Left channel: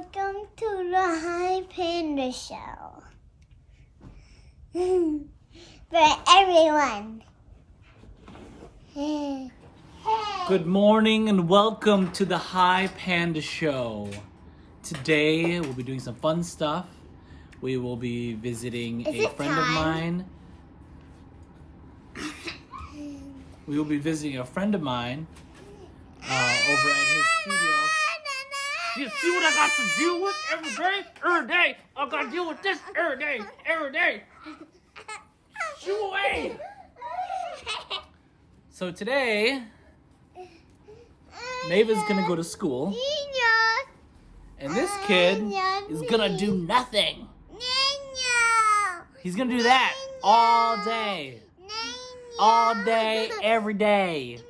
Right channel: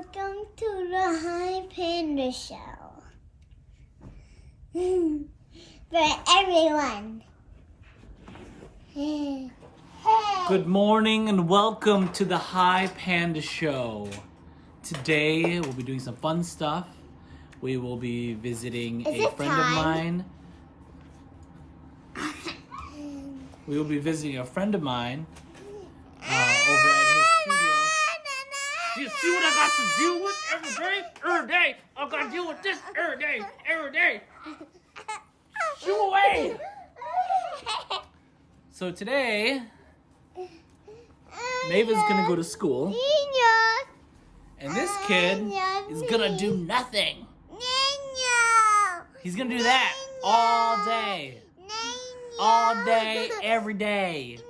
Welcome to the Hypanda show. For everyone. Good morning and welcome to the Hypanda show. Today we'll be doing some fun stuff. We will be visiting a friend of mine. We will be visiting a friend of mine over at his studio. Do you see what I got to deal with every day? Every day. I got to deal with this every day. Every day. Shoo away. So today, Maeva's gonna go to school. And this kid is gonna do nothing. He's gonna do that all day. All day, every day.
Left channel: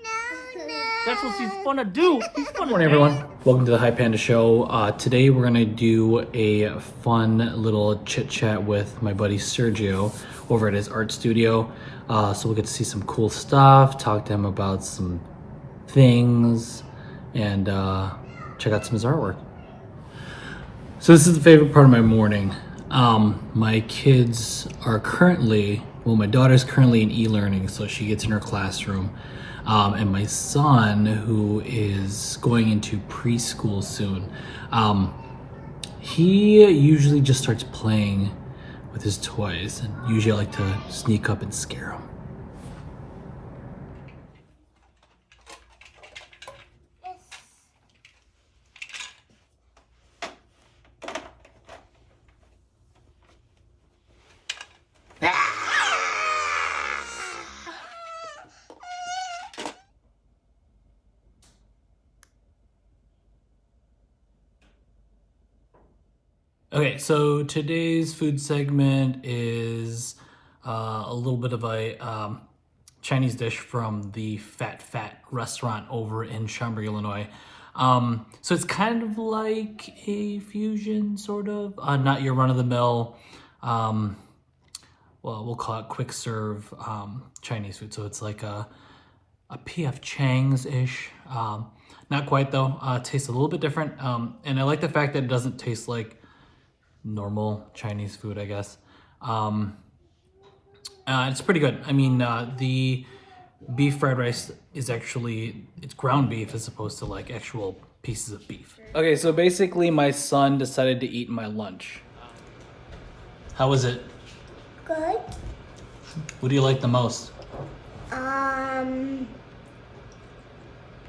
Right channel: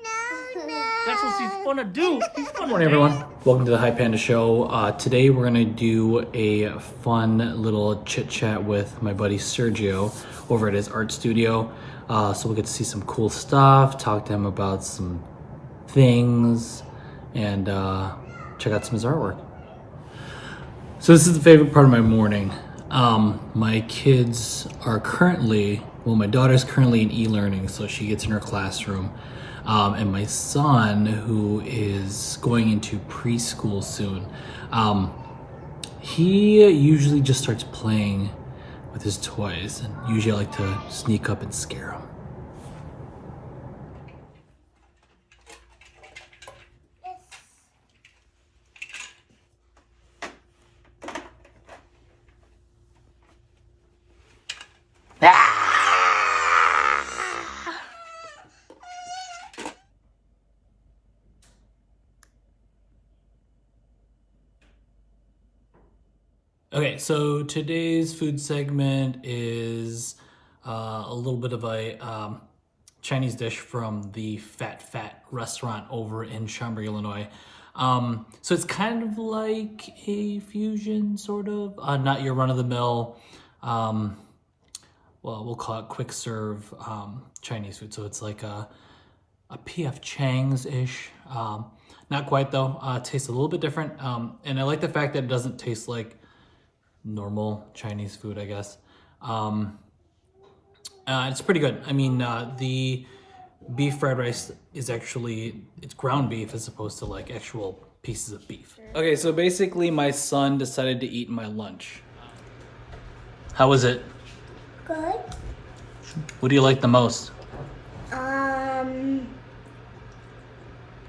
That's what he's gonna do. Good morning, everyone. Welcome to the Hypanda show. Today we're gonna do a fun little chit chat with my buddy Sergio over at his art studio. So we'll get to see some cool stuff, talk to him about some things, and check out some of his artwork. So this is the favorite part of my morning. My kids are my daughter's currently in e-learning, so she gets in her classroom. And my son, who is going into preschool soon, he usually just starts playing with his toys, and usually I like to sneak up and scare him. Okay, so today's food segment is a little bit of a Chinese dish from the Fat restaurant over in Schaumburg, Illinois. So it's kind of like a fusion, sort of. Not your run-of-the-mill, well, we'll call it quick serve Chinese food. So it's like a P.F. Chang's-ish. Not quite, though. It tastes a little bit different. And I like the fact that it doesn't taste like normal Chinese food, I guess. It's pretty good. I mean, the beef fried rice is it's ground beef as opposed to like actual pieces of beef. Okay, so basically my son decided to eat my lunch. How was it? Good. What do you like the most?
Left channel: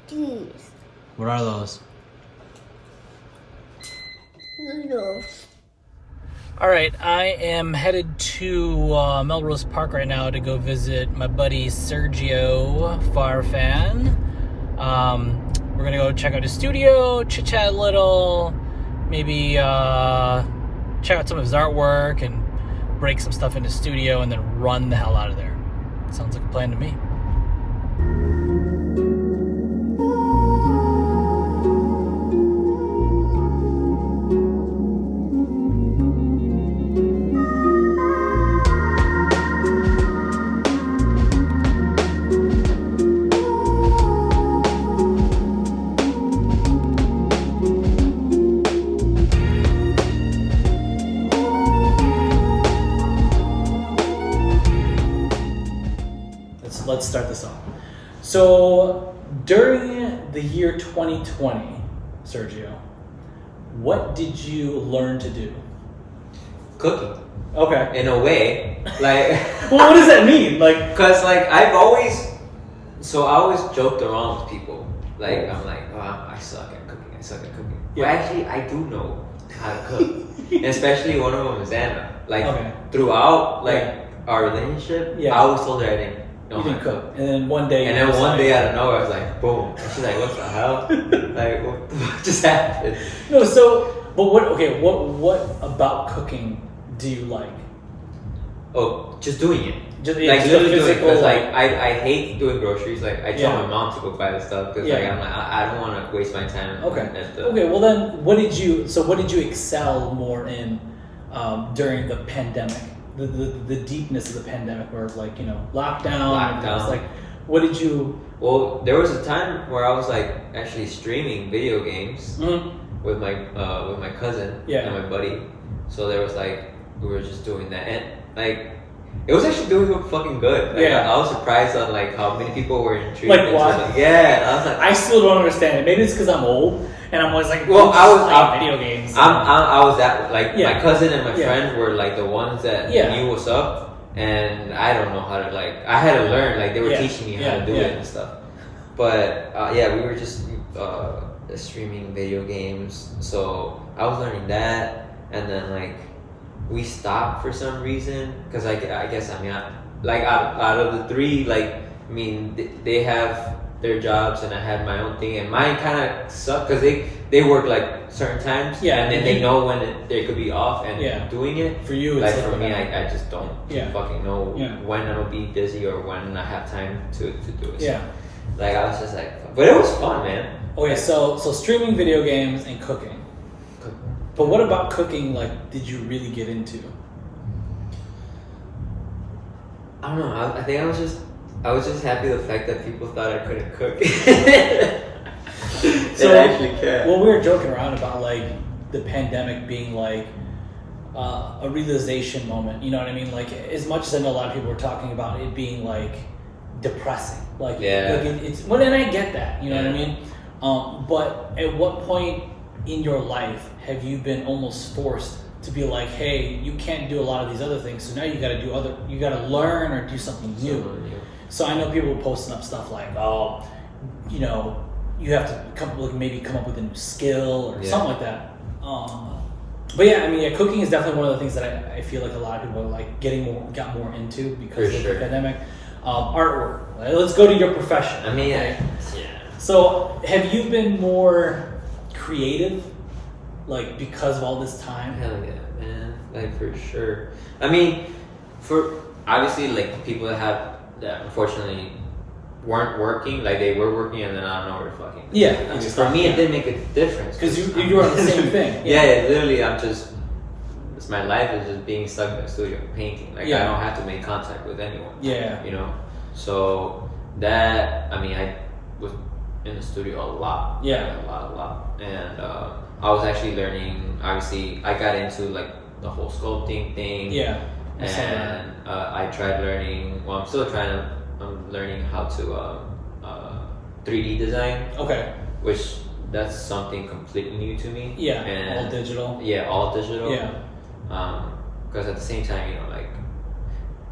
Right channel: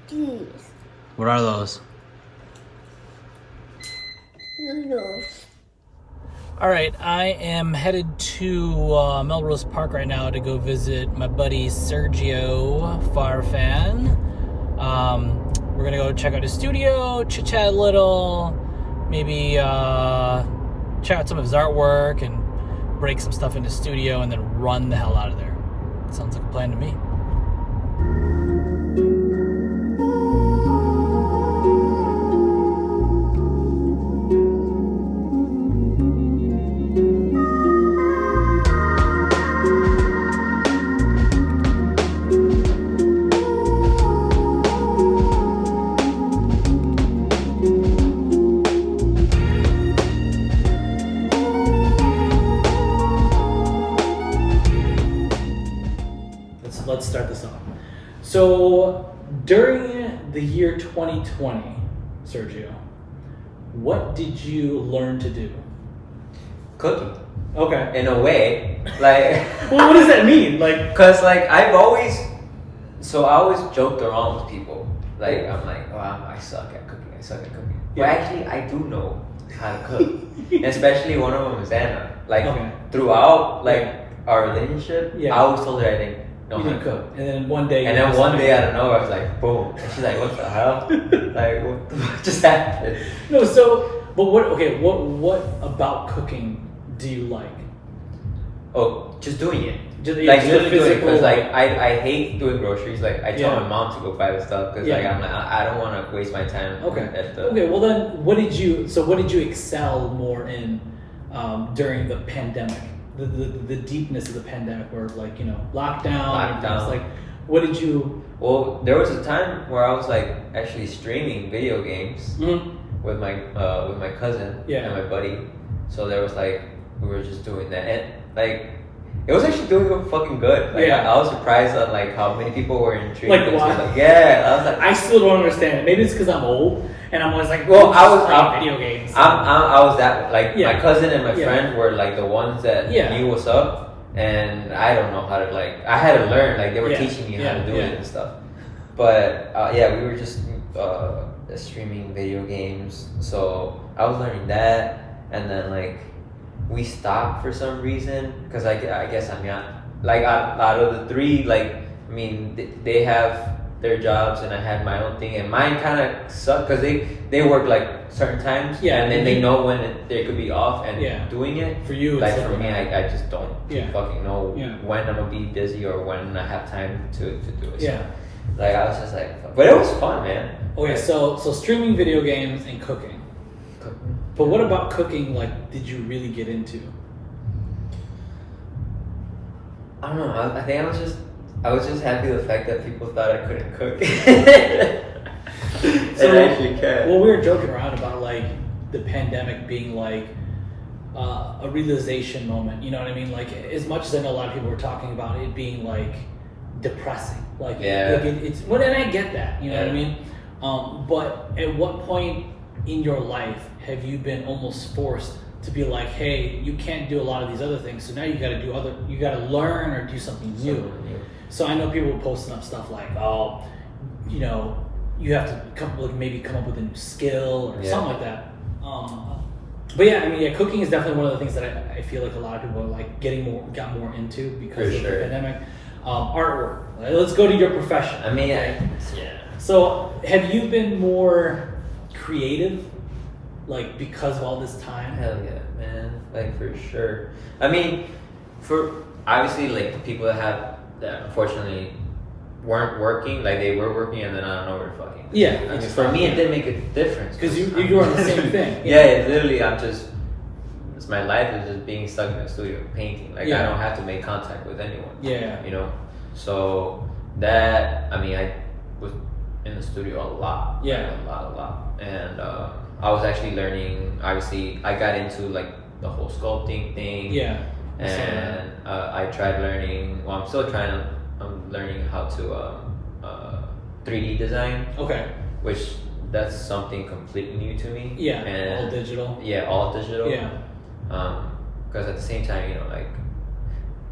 These What are those? noodles. All right, I am headed to Melrose Park right now to go visit my buddy Sergio Farfan. We're gonna go check out his studio, chit chat a little, maybe check out some of his artwork and break some stuff in his studio and then run the hell out of there. Sounds like a plan to me. Let's start this off. So, during the year 2020, Sergio, what did you learn to do? Cooking. Okay. In a way, like. Well, what does that mean? Like, Cause like I always joked around with people. Like I'm like, oh, I suck at cooking. But actually, I do know how to cook. And especially one of them is Anna. Like throughout our relationship, I always told her I didn't know how to cook. And then one day out of nowhere, I was like, boom. And she's like, what the hell? Like, what just happened? No, so, but what about cooking do you like? Oh, just doing it. Just Literally doing it. Because like I hate doing groceries. Like, I tell my mom to go buy the stuff. Because I'm like, I don't want to waste my time. Okay, well then, what did you excel more in during the pandemic? The deepness of the pandemic, where like lockdown. Like, what did you? Well, there was a time where I was like actually streaming video games, with my cousin and my buddy. So there was like we were just doing that, and like it was actually doing fucking good. Like I was surprised on like how many people were intrigued. Like what? I was like, I still don't understand it. Maybe it's because I'm old and I'm always like, well, I was playing video games. I was that like my cousin and my friend were like the ones that knew what's up, and I don't know how to like. I had to learn. Like they were teaching me how to do it and stuff. But we were just streaming video games, so I was learning that, and then like we stopped for some reason because I guess I mean like out of the three, like I mean they have their jobs and I had my own thing, and mine kind of sucked because they work like certain times, and then they know when they could be off and doing it. For you, like for me, I just don't fucking know when I'm gonna be busy or when I have time to do it. So, like I was just like, but it was fun, man. Okay, like, so streaming video games and cooking. But what about cooking? Like, did you really get into? I don't know. I think I was just happy the fact that people thought I couldn't cook. So, I actually can. Well, we were joking around about like the pandemic being like a realization moment. You know what I mean? Like, as much as I know a lot of people were talking about it being like depressing. Like, it's well, and I get that. You know what I mean? But at what point in your life have you been almost forced to be like, hey, you can't do a lot of these other things, so now you got to learn or do something new. So I know people posting up stuff like, oh, you know, you have to maybe come up with a new skill or something like that. But yeah, I mean, cooking is definitely one of the things that I feel like a lot of people are like got more into because of the pandemic. Artwork. Right? Let's go to your profession. I mean, So have you been more creative, like because of all this time? Hell yeah, man! Like for sure. I mean, for obviously like people that unfortunately weren't working, like they were working and then I don't know where to fucking. Yeah. I mean, for me it did make a difference because you were on the same thing. Literally, my life is just being stuck in the studio painting. Like I don't have to make contact with anyone. Yeah. You know, so that I was in the studio a lot. Yeah. Like, a lot. And I was actually learning. Obviously, I got into like the whole sculpting thing. Yeah. And I tried learning. Well, I'm still trying to. I'm learning how to 3D design. Okay. Which that's something completely new to me. Yeah. And all digital. Yeah, all digital. Yeah. Because at the same time, you know, like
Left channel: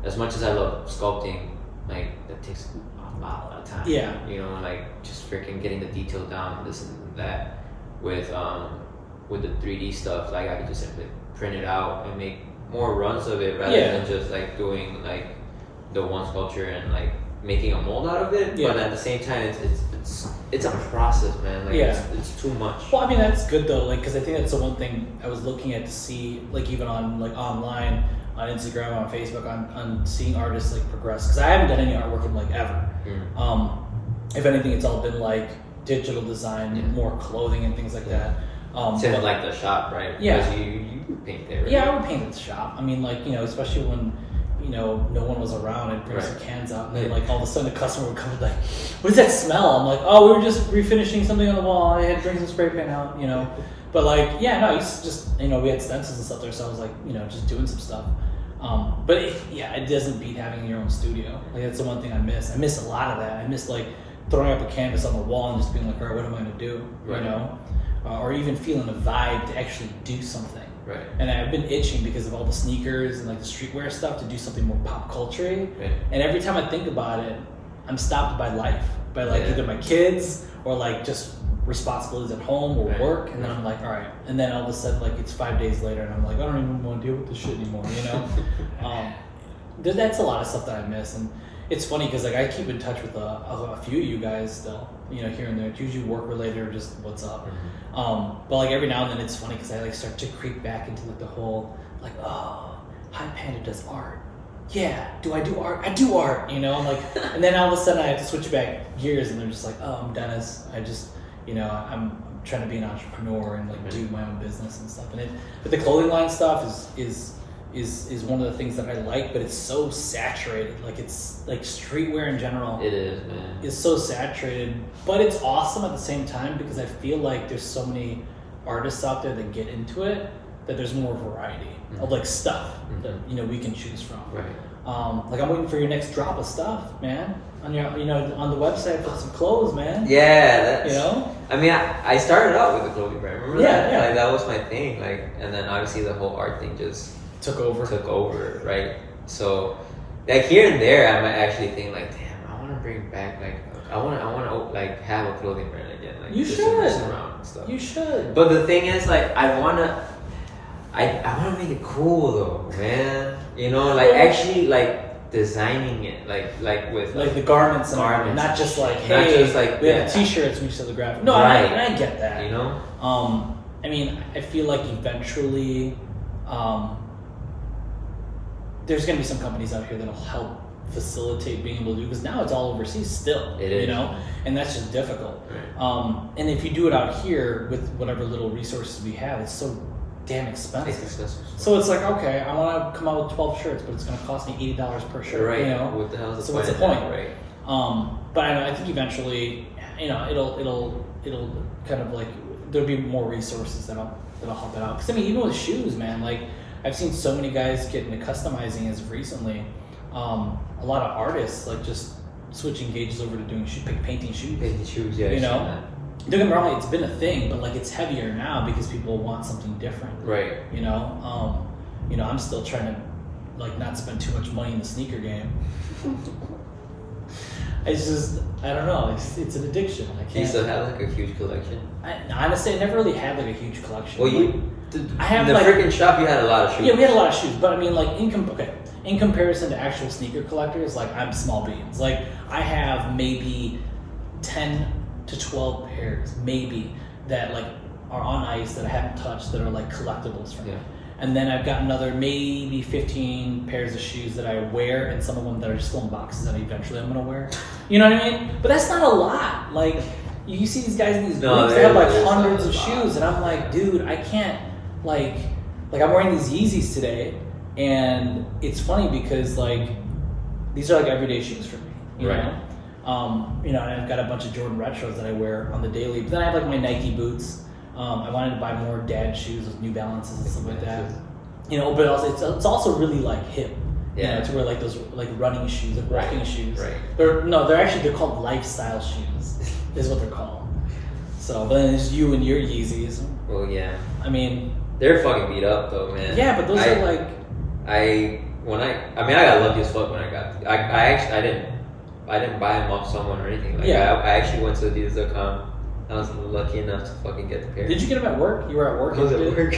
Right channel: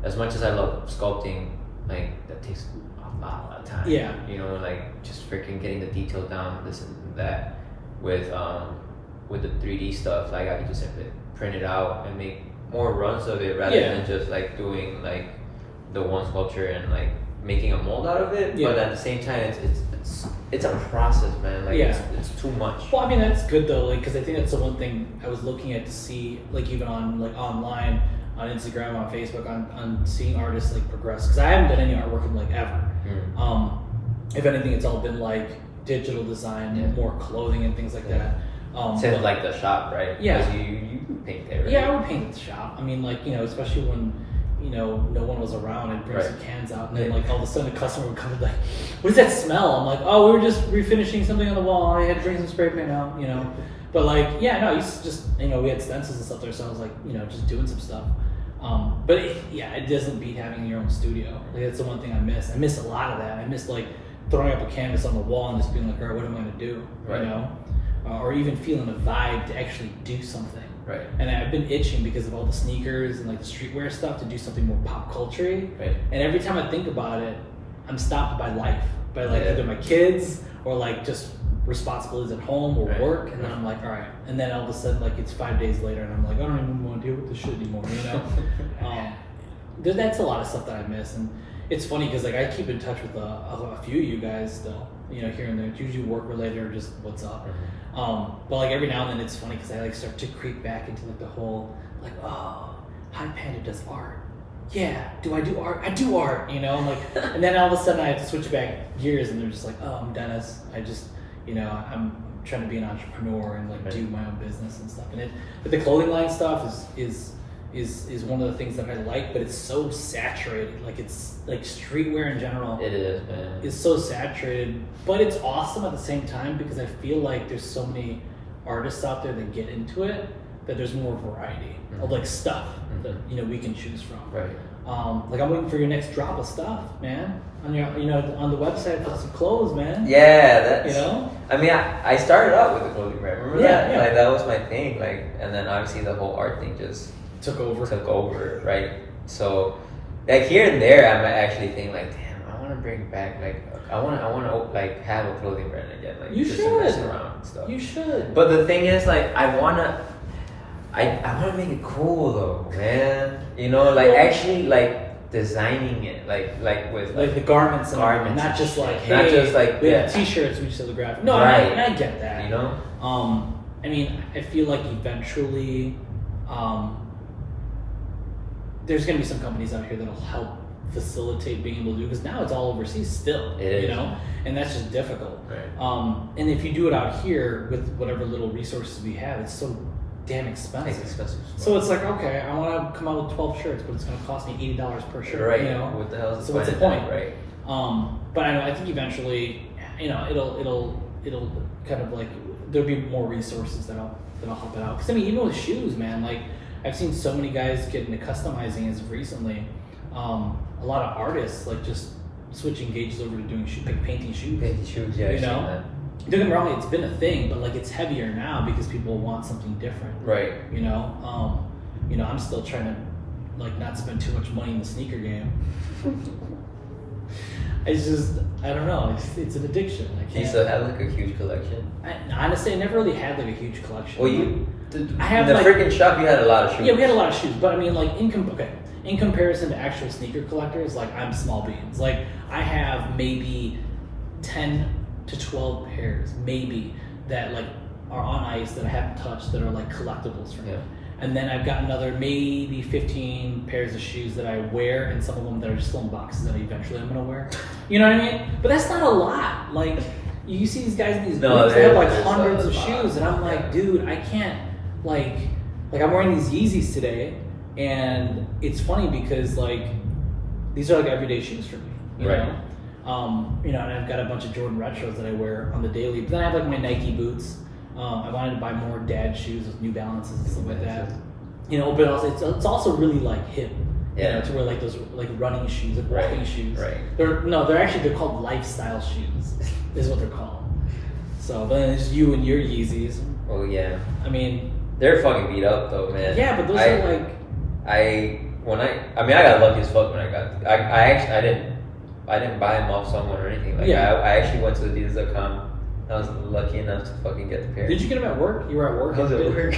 as much as I love sculpting, like that takes a lot of time. Yeah. You know, like just freaking getting the detail down, this and that. With the 3D stuff, like I could just simply print it out and make more runs of it rather than just like doing like the one sculpture and like making a mold out of it. But at the same time, it's a process, man. Like it's too much. Well, I mean that's good though, like because I think that's the one thing I was looking at to see, like even on like online, on Instagram, on Facebook, on seeing artists like progress. Because I haven't done any artwork in like ever. If anything, it's all been like digital design, more clothing and things like that. Since like the shop, right? Yeah. Because you paint there, right? Yeah, I would paint at the shop. I mean, like, you know, especially when, you know, no one was around, I'd bring some cans out, and then like all of a sudden a customer would come and like, what does that smell? I'm like, oh, we were just refinishing something on the wall. I had to bring some spray paint out, you know. But like, yeah, no, it's just, you know, we had stencils and stuff there, so I was like, you know, just doing some stuff. But it doesn't beat having your own studio. Like that's the one thing I miss. I miss a lot of that. I miss like throwing up a canvas on the wall and just being like, all right, what am I gonna do? Right. You know, or even feeling a vibe to actually do something. Right. And I've been itching because of all the sneakers and like the streetwear stuff to do something more pop culture-y. Right. And every time I think about it, I'm stopped by life, by like either my kids or like just responsibilities at home or work. And then I'm like, all right. And then all of a sudden, like it's 5 days later, and I'm like, I don't even want to deal with this shit anymore. You know. That's a lot of stuff that I miss, and it's funny because like I keep in touch with a few of you guys, you know, here and there. It's usually work related or just what's up. But like every now and then it's funny because I like start to creep back into like the whole like, oh, Hypanda does art. Yeah, do I do art? I do art, you know. I'm like, and then all of a sudden I have to switch back gears, and they're just like, oh, I'm Dennis. I just, you know, I'm trying to be an entrepreneur and like do my own business and stuff. And but the clothing line stuff is one of the things that I like, but it's so saturated. Like it's like streetwear in general. It is, man. It's so saturated, but it's awesome at the same time because I feel like there's so many artists out there that get into it, that there's more variety of like stuff that we can choose from. Right. Like I'm waiting for your next drop of stuff, man. On your on the website for some clothes, man. Yeah, that's I mean, I started out with the clothing brand. Remember that? Yeah. Like that was my thing. Like, and then obviously the whole art thing just took over, right? So, like here and there, I might actually think like, damn, I want to bring back like I want to like have a clothing brand again, like you just should to mess around and stuff. You should. But the thing is, like, I want to make it cool though, man. Like actually like designing it, like with like the garments, and not just like t-shirts when you sell the graphic. No, right. I get that. I mean, I feel like eventually, there's gonna be some companies out here that'll help facilitate being able to do, because now it's all overseas still. It is. And that's just difficult. Right. And if you do it out here with whatever little resources we have, it's so damn expensive. It's expensive. So it's like, okay, I want to come out with 12 shirts, but it's going to cost me $80 per shirt. Right. What the hell is so what's the point? Right. But I think eventually, it'll kind of like there'll be more resources that'll help it out. Because I mean, even with shoes, man, like I've seen so many guys get into customizing as of recently. A lot of artists like just switching gauges over to doing painting shoes. Painting shoes, yeah. Don't get me wrong, it's been a thing, but like it's heavier now because people want something different. Right. I'm still trying to like not spend too much money in the sneaker game. I don't know. It's an addiction. Do you still have like a huge collection? Honestly, I never really had like a huge collection. Well, I have in the like, freaking shop. You had a lot of shoes. Yeah, we had a lot of shoes, but I mean, like in comparison to actual sneaker collectors, like I'm small beans. Like I have maybe 10 to 12 pairs, maybe, that like are on ice that I haven't touched that are like collectibles for me. And then I've got another maybe 15 pairs of shoes that I wear, and some of them that are still in boxes that eventually I'm gonna wear. You know what I mean? But that's not a lot. Like you see these guys in these groups, they have like hundreds of shoes, and I'm like, dude, I can't like I'm wearing these Yeezys today, and it's funny because like these are like everyday shoes for me. You know? And I've got a bunch of Jordan retros that I wear on the daily. But then I have like my Nike boots. I wanted to buy more dad shoes with New Balances and stuff like that. But also it's also really like hip. To wear like those like running shoes, like walking shoes. Right. They're called lifestyle shoes, is what they're called. So, but then there's you and your Yeezys. Oh yeah. I mean, they're fucking beat up though, man. Yeah, but those are like. I got lucky as fuck when I got. I didn't buy them off someone or anything. Like I actually went to Adidas.com. I was lucky enough to fucking get the pair. Did you get them at work? You were at work? I was at work.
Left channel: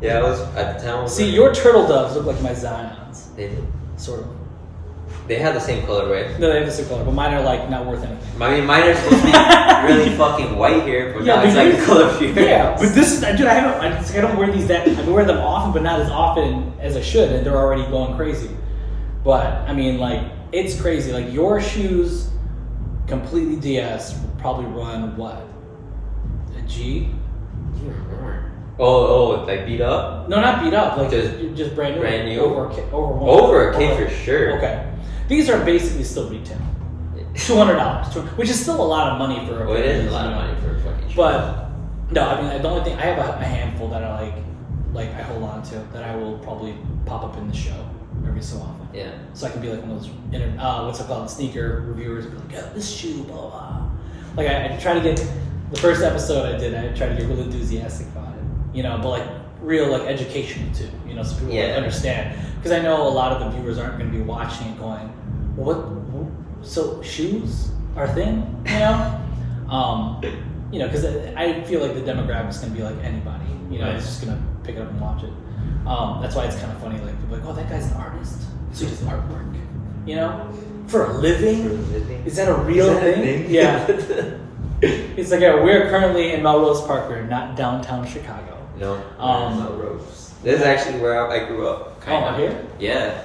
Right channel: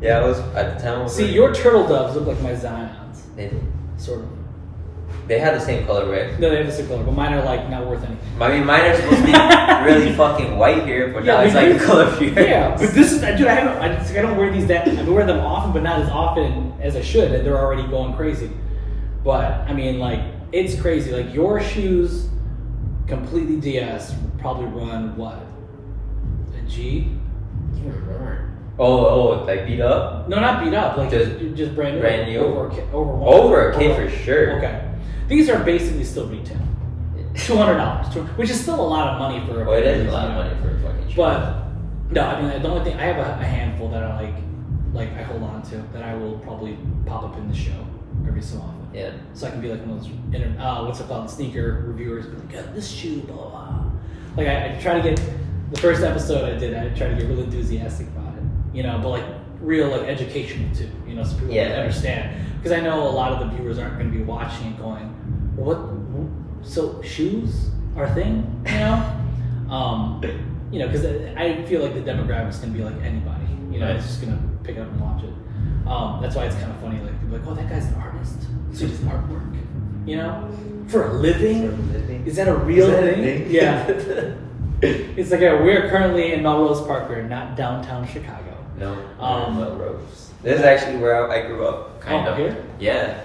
Yeah, I was at the time. See, your turtle doves look like my Zions. They did. Sort of. They have the same color, right? No, they have the same color, but mine are like not worth anything. I mean, mine are supposed to be really fucking white here, but now it's like the color of yours. Yeah, but this is, dude, I don't wear these that. I wear them often, but not as often as I should, and they're already going crazy. But I mean, like, it's crazy. Like your shoes, completely DS, will probably run what? A G? I don't remember. Oh, like beat up? No, not beat up. Like just brand new. Brand new. Over a K for sure. Okay, these are basically still retail. $200, which is still a lot of money for. It is a lot of money for a fucking shoe. But no, I mean the only thing I have a handful that I like I hold on to that I will probably pop up in the show every so often. Yeah. So I can be like one of those what's it called, sneaker reviewers. Be like, yeah, this shoe, blah blah blah. Like I try to get the first episode I did. I tried to get really enthusiastic about it, but like real like educational too, so people understand. Because I know a lot of the viewers aren't going to be watching and going, what? So shoes are a thing, because I feel like the demographic's going to be like anybody, it's just going to pick it up and watch it. That's why it's kind of funny, like people are like, oh, that guy's an artist, so he does artwork, for a living. Is that a real thing? Yeah. It's like, we're currently in Melrose Park, we're not downtown Chicago. No, Melrose. This is actually where I grew up, kind of. Here? Yeah.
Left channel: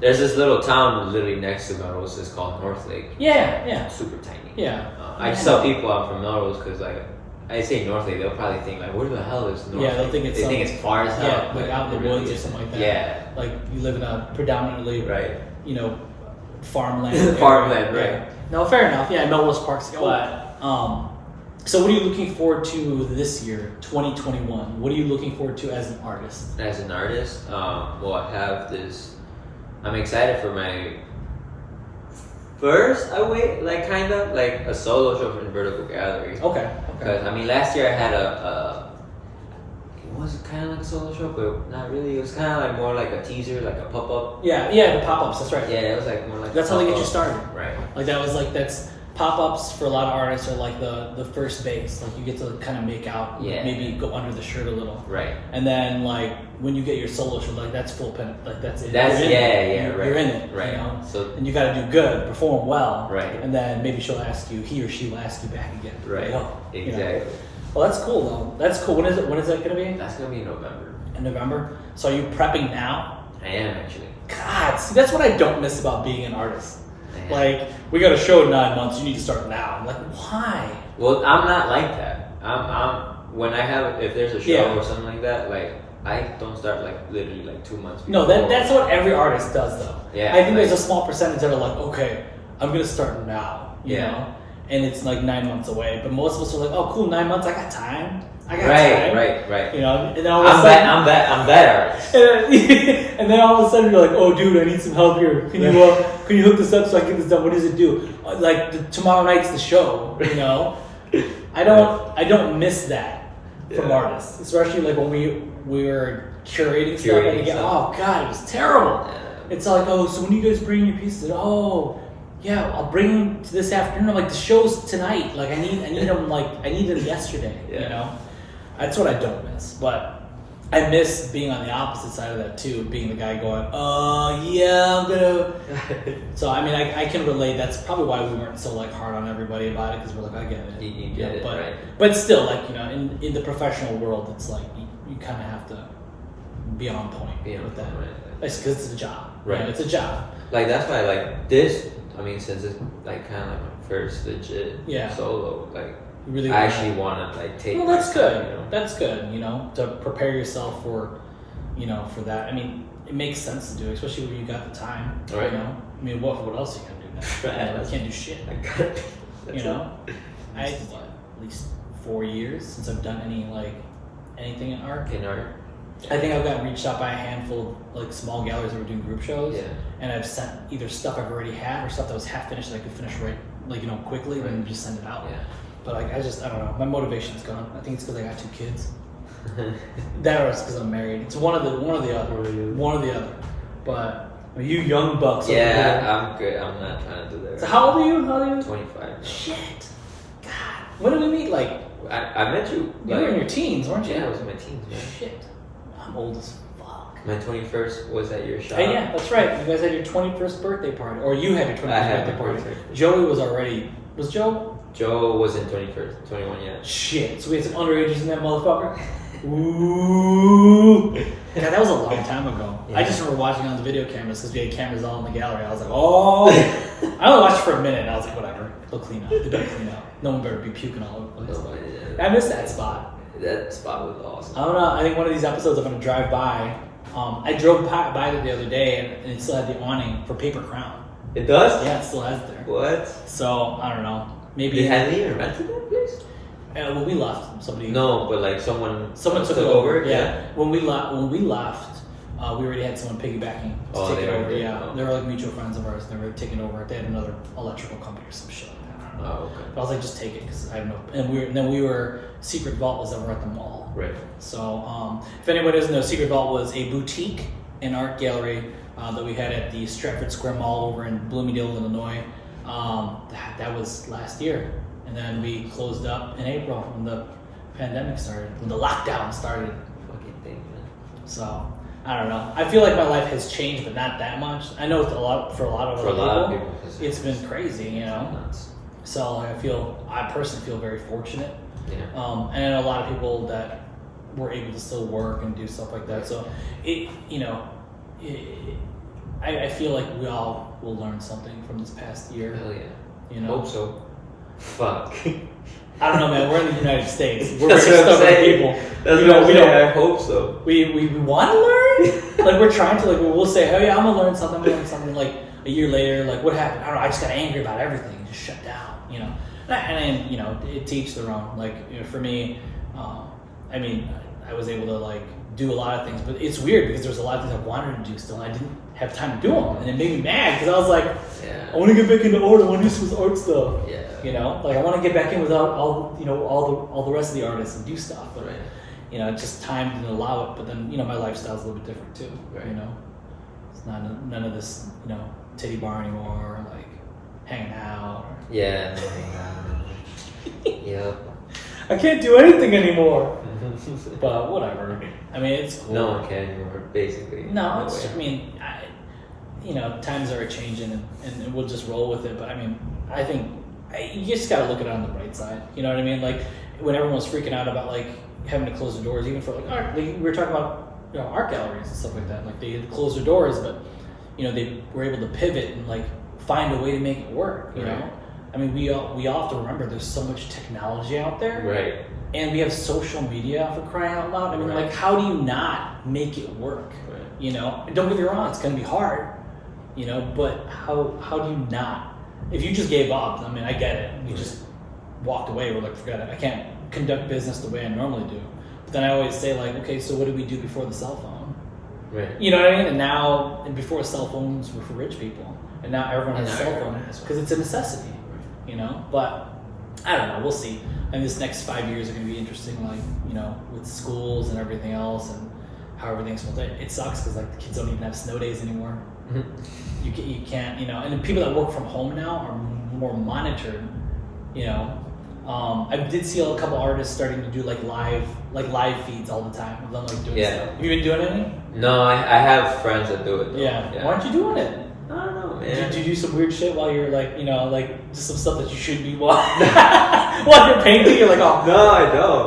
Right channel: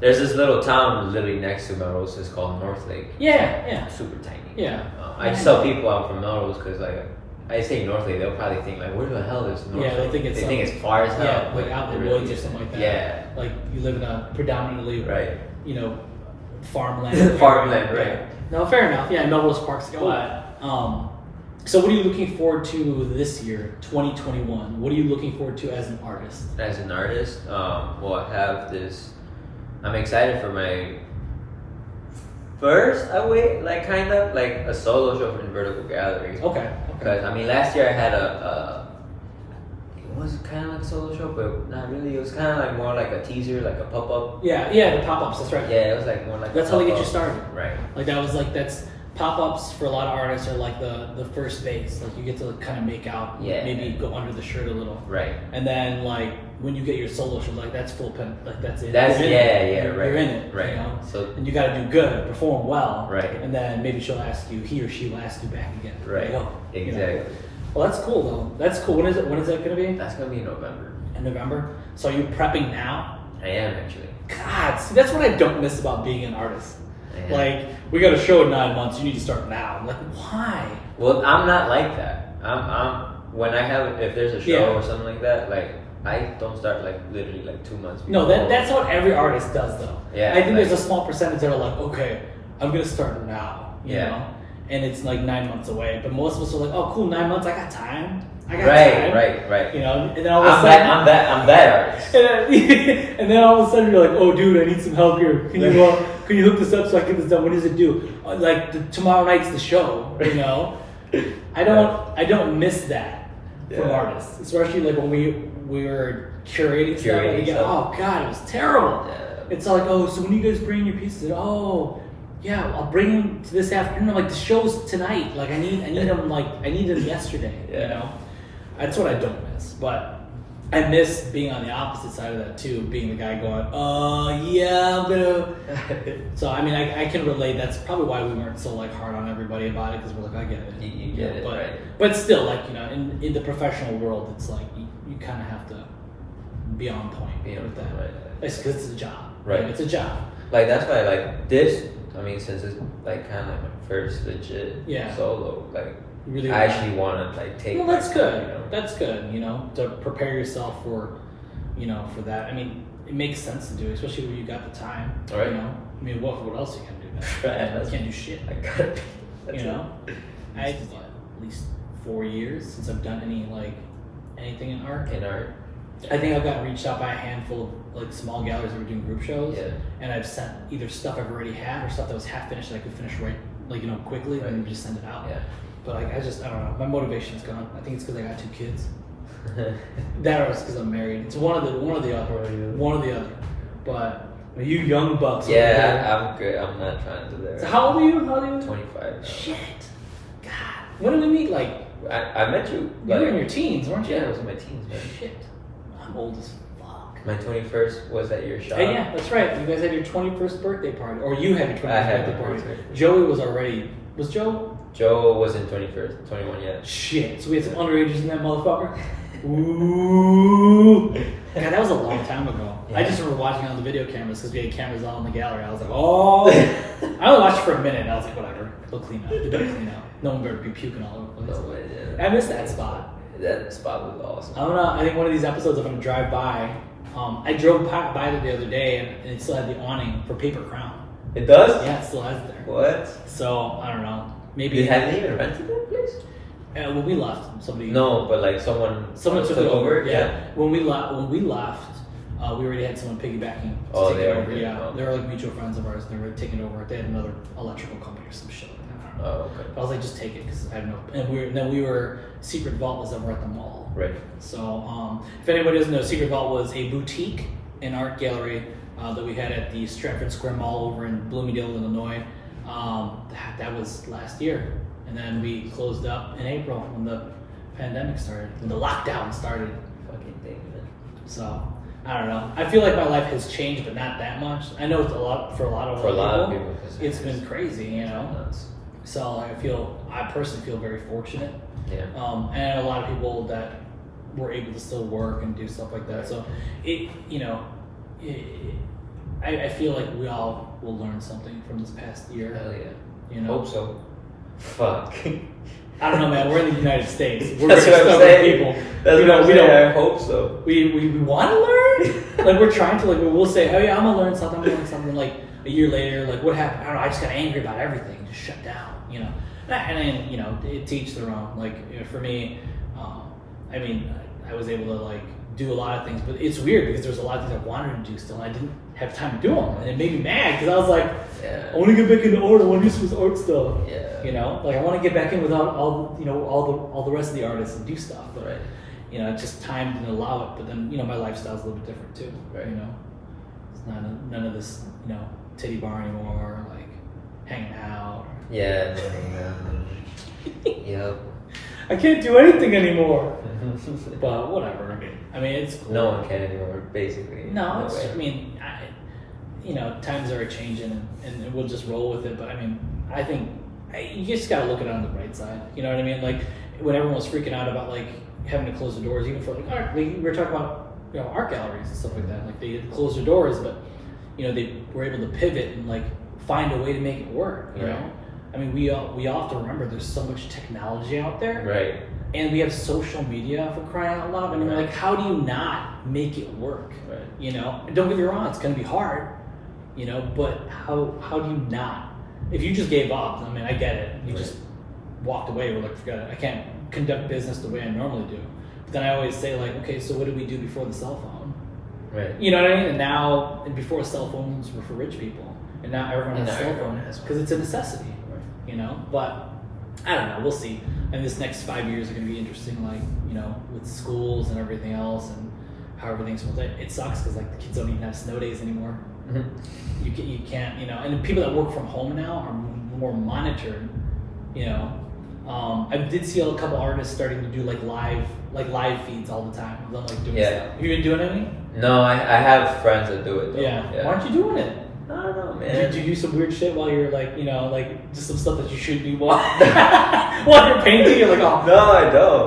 There's this little town literally next to Melrose. It's called North Lake. Yeah. Super tiny. Yeah. I just tell people I'm from Melrose because like I say North Lake, they'll probably think like, where the hell is North Lake? They think it's far as hell. Yeah, like out in the woods or something like that. Yeah. Like you live in a predominantly farmland. Farmland, right? No, fair enough. Yeah, Melrose Park's but So what are you looking forward to this year, 2021? What are you looking forward to as an artist? As an artist, well, I have this. I'm excited for my first, kind of like a solo show in Vertical Gallery. Okay. Because I mean, last year I had it was kind of like a solo show, but not really. It was kind of like more like a teaser, like a pop up. Yeah, the pop-ups. That's right. Yeah, it was like more like. That's how they get you started. Right. Like that's pop-ups for a lot of artists are like the first base. Like you get to kind of make out, maybe go under the shirt a little. Right. And then like when you get your solo show, like that's full pen, like that's it. That's right. You're in it, right. You know? So and you got to do good, perform well, right. And then maybe he or she will ask you back again. Right. Like, Exactly. You know? Well, that's cool though. That's cool. When is that going to be? That's gonna be in November. In November. So are you prepping now? I am actually. God, see, that's what I don't miss about being an artist. I am. Like, we got a show in 9 months. You need to start now. I'm like, why? Well, I'm not like that. I'm when I have if there's a show or something like that, like I don't start like literally like 2 months before. No, that's what every artist does though. Yeah. I think there's a small percentage that are like, okay, I'm gonna start now. You know? And it's like 9 months away. But most of us are like, oh cool, 9 months, I got time. Time. Right. You know, and then all of a sudden I'm that artist. and then all of a sudden you're like, oh dude, I need some help here. Can you hook this up so I can get this done? What does it do? Tomorrow night's the show, you know? I don't miss that from artists. Especially like when we were curating stuff and again, oh god, it was terrible. Yeah. It's like, oh, so when you guys bring your pieces, oh yeah, I'll bring them to this afternoon. I'm like, the show's tonight. Like I need them I need them yesterday. You know? That's what I don't miss. But I miss being on the opposite side of that too, being the guy going, oh yeah, I'm gonna. So I mean, I can relate. That's probably why we weren't so like hard on everybody about it, because we're like, I get it. You get it, right? But still, like in the professional world, it's like you kind of have to be on point with that. Right. It's because it's a job. Right. You know, it's a job. Like that's why like this. I mean, since it's like kind of like my first legit solo, like. Really I actually want to like take. Well, that's good. Time, you know? That's good. You know, to prepare yourself for that. I mean, it makes sense to do, especially when you got the time. Right. You know, I mean, what else are you gonna do now? Right. You know, you can't do shit. I got it. You know, I thought at least 4 years since I've done anything in art. I think I've gotten reached out by a handful of like small galleries that were doing group shows. Yeah. And I've sent either stuff I've already had or stuff that was half finished that I could finish quickly and just send it out. Yeah. But I don't know. My motivation's gone. I think it's because I got 2 kids. That or it's because I'm married. It's one or the other. But you young bucks. Yeah, I'm good. I'm not trying to do that. So how old are you? 25 now. Shit. God. When did we meet? Like I met you you were in your teens, weren't you? Yeah, I was in my teens, man. Shit. I'm old as fuck. My 21st was at your shop. Oh, yeah, that's right. You guys had your 21st birthday party, or you had your 21st I had birthday my party. 21st. Joey was already. Was Joe? Joe wasn't 21 yet. Shit. So we had some underages in that motherfucker. Ooh. God, that was a long time ago. Yeah. I just remember watching on the video cameras because we had cameras all in the gallery. I was like, oh. I only watched for a minute and I was like, whatever. They'll clean up. They better clean up. No one better be puking all over the place. I missed that spot. That spot was awesome. I don't know. I think one of these episodes I'm going to drive by. I drove by it the other day and it still had the awning for Paper Crown. It does? Yeah, it still has it there. What? So, I don't know. Maybe. They hadn't even rented that place? When we left, somebody. No, but like someone took it over. Yeah. When we left, we already had someone piggybacking to take it over. Yeah, they were like mutual friends of ours. They were taking over. They had another electrical company or some shit like that. I don't know. Oh, okay. But I was like, just take it because I have no. And then we were Secret Vault was over at the mall. Right. So, if anybody doesn't know, Secret Vault was a boutique and art gallery that we had at the Stratford Square Mall over in Bloomingdale, Illinois. That was last year. And then we closed up in April when the pandemic started, when the lockdown started. Fucking thing, man. So, I don't know. I feel like my life has changed, but not that much. I know it's for a lot of people. It's been crazy, you know. Nuts. So I personally feel very fortunate. Yeah. And a lot of people that were able to still work and do stuff like that. So, I feel like we all will learn something from this past year. Hell yeah. You know? Hope so. Fuck. I don't know, man. We're in the United States. We're That's very what I'm stubborn saying. people. That's what I'm saying. I hope so. We want to learn. Like we're trying to. Like we'll say, oh yeah, I'm gonna learn something. I'm gonna learn something. Like a year later, like what happened? I don't know. I just got angry about everything. Just shut down. You know. And you know, it teach their own. Like, you know, for me, I mean, I was able to like do a lot of things, but it's weird because there's a lot of things I wanted to do still, and I didn't have time to do them, and it made me mad because I was like, I want to get back into art. I want to do some art stuff. Yeah. You know, like I want to get back in without all the rest of the artists and do stuff. But, Right. You know, just time didn't allow it. But then, you know, my lifestyle's a little bit different too. Right. You know, it's not none of this, you know, titty bar anymore, like hanging out. Yeah. Yep. I can't do anything anymore. But whatever. I mean, it's cool. No one can anymore, basically. No, way. I mean, you know, times are changing, and we'll just roll with it. But I mean, I think you just gotta look at it on the bright side. You know what I mean? Like when everyone was freaking out about like having to close their doors, even for like art. Like, we were talking about, you know, art galleries and stuff like that. Like they had to close their doors, but you know, they were able to pivot and like find a way to make it work. You know, I mean, we all have to remember there's so much technology out there, Right. And we have social media, for crying out loud. I mean, like, how do you not make it work? Right. You know, don't get me wrong, it's going to be hard, you know, but how do you not? If you just gave up, I mean, I get it. You just walked away, we're like, forget it. I can't conduct business the way I normally do. But then I always say, like, okay, so what did we do before the cell phone? Right. You know what I mean? And before cell phones were for rich people. And now everyone has a cell phone because it's a necessity, you know? But I don't know, we'll see. And this next 5 years are going to be interesting, like, you know, with schools and everything else and how everything's built. It sucks because, like, the kids don't even have snow days anymore. You can't, you know, and the people that work from home now are more monitored, you know. I did see a couple artists starting to do, like live feeds all the time. Of them, like, doing stuff. Have you been doing anything? No, I have friends that do it, though. Yeah. Why aren't you doing it? I don't know, man. Did you do some weird shit while you're like, you know, like just some stuff that you shouldn't be while you're painting? You're like, oh. No,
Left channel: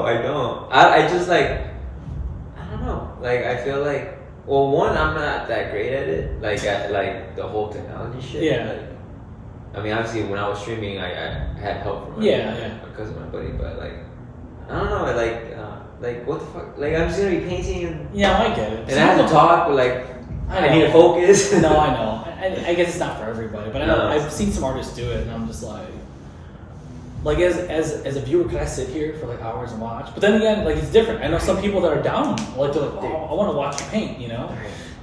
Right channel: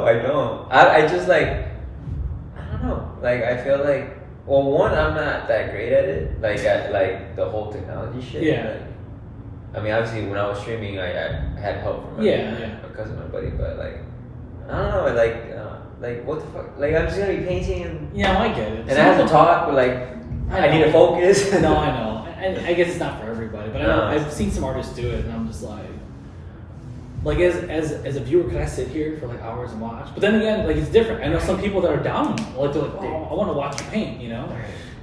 I don't. I just like, I don't know. Like, I feel like, well, one, I'm not that great at it. Like, like the whole technology shit. Yeah. Like, I mean, obviously, when I was streaming, I had help from my cousin, my buddy. But like, I don't know. Like what the fuck? Like, I'm just gonna be painting and I get it. and I have to talk, but like, I need to focus. No, I know. I guess it's not for everybody, but I know I've seen some artists do it, and I'm just like as a viewer, can I sit here for like hours and watch? But then again, like it's different. I know some people that are down, like they're like, oh, I want to watch you paint, you know.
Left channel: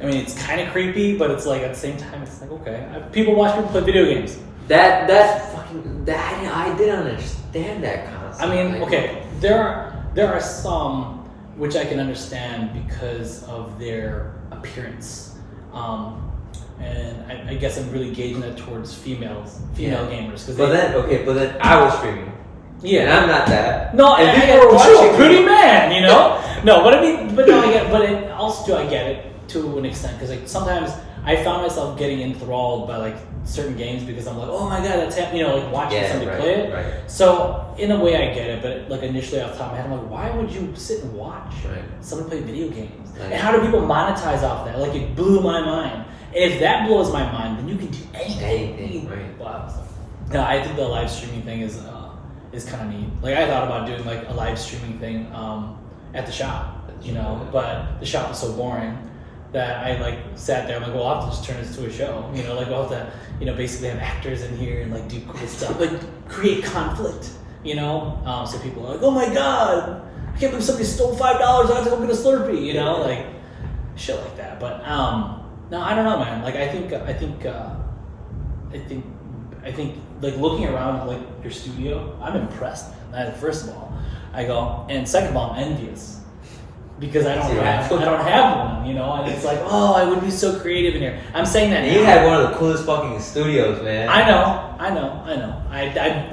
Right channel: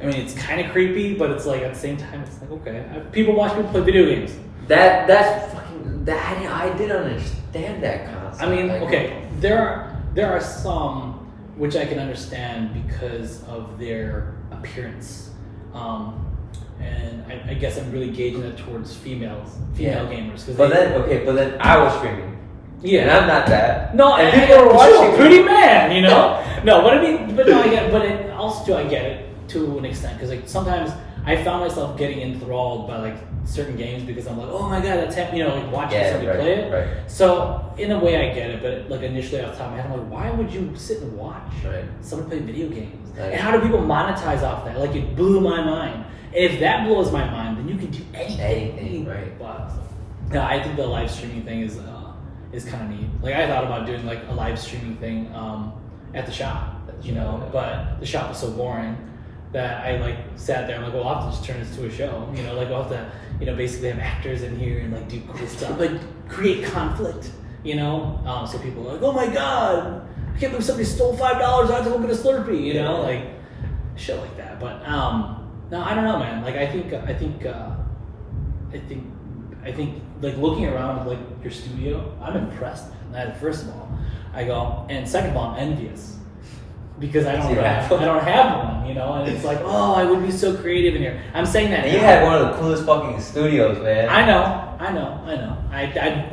I mean, it's kind of creepy, but it's like at the same time, it's like okay. People watch people play video games. That's fucking. I didn't understand that concept. I mean, like, okay, there are some which I can understand because of their appearance. And I guess I'm really gauging it towards female gamers. But then I was streaming. Yeah, and I'm not that. No, and people were watching. Pretty man, you know. No, but I mean, but no, I get. But it also, I get it to an extent because like sometimes I found myself getting enthralled by like certain games because I'm like, oh my god, that's you know, like watching somebody play it. Right. So in a way, I get it. But like initially off the top of my head, I'm like, why would you sit and watch someone play video games? Right. And how do people monetize off that? Like it blew my mind. And if that blows my mind, then you can do anything. Right. But no, I think the live streaming thing is kind of neat. Like I thought about doing like a live streaming thing at the shop, you know, but the shop was so boring that I like sat there. I'm like, well, I'll have to just turn this to a show, you know, like I'll have to, you know, basically have actors in here and like do cool stuff, like create conflict, you know. So people are like, oh my god, I can't believe somebody stole $5. I have to go get a Slurpee, you know, like shit like that. But no, I don't know, man. Like I think like looking around like your studio, I'm impressed. First of all, I go, and second of all, I'm envious because I don't have one, you know. And it's like, oh, I would be so creative in here. I'm saying that. And you had one of the coolest fucking studios, man. I know.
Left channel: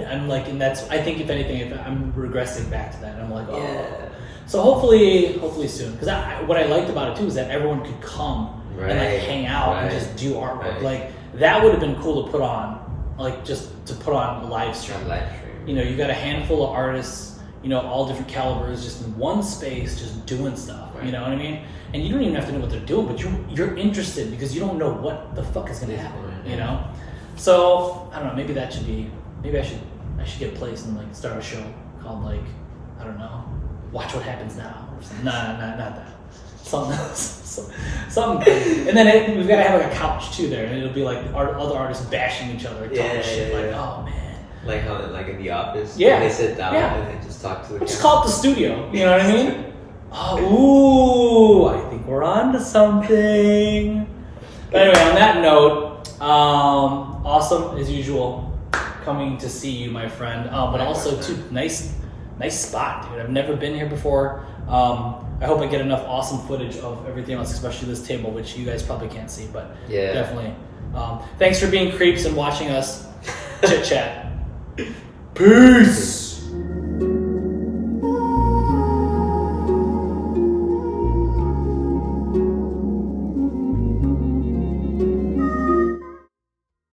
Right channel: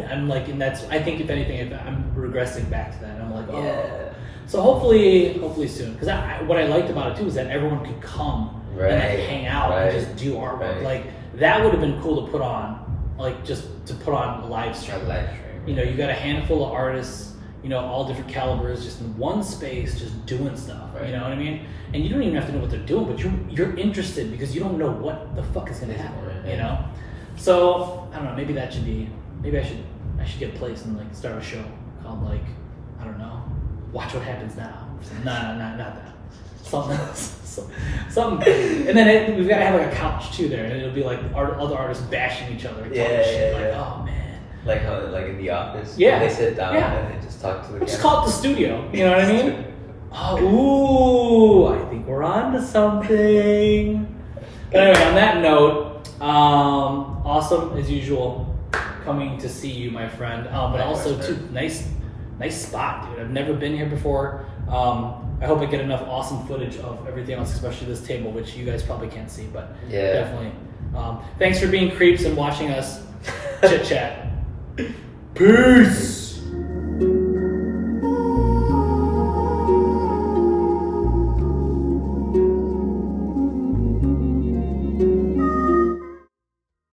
I'm like, and that's. I think if anything, I'm regressing back to that. And I'm like, oh. Yeah. So hopefully soon, because what I liked about it too is that everyone could come. And like hang out and just do artwork. Like that would have been cool to put on, like just to put on a live stream. You know, you got a handful of artists, you know, all different calibers, just in one space, just doing stuff. You know what I mean? And you don't even have to know what they're doing, but you're interested because you don't know what the fuck is gonna happen. You know? So I don't know. Maybe I should get a place and like start a show called like I don't know, Watch What Happens Now. Or something. Not that. Something else. Something. And then we've got to have like a couch too there, and it'll be like other artists bashing each other. Like, oh man. Like how, like in the office, Yeah. they sit down Yeah. and they just talk to the Let's camera. call it the studio. You know what I mean? Oh, ooh, I think we're on to something. Anyway, on that note, awesome as usual coming to see you, my friend. But also, too, nice spot, dude. I've never been here before. I hope I get enough awesome footage of everything else, especially this table, which you guys probably can't see, but Yeah. definitely. Thanks for being creeps and watching us chit chat. Peace.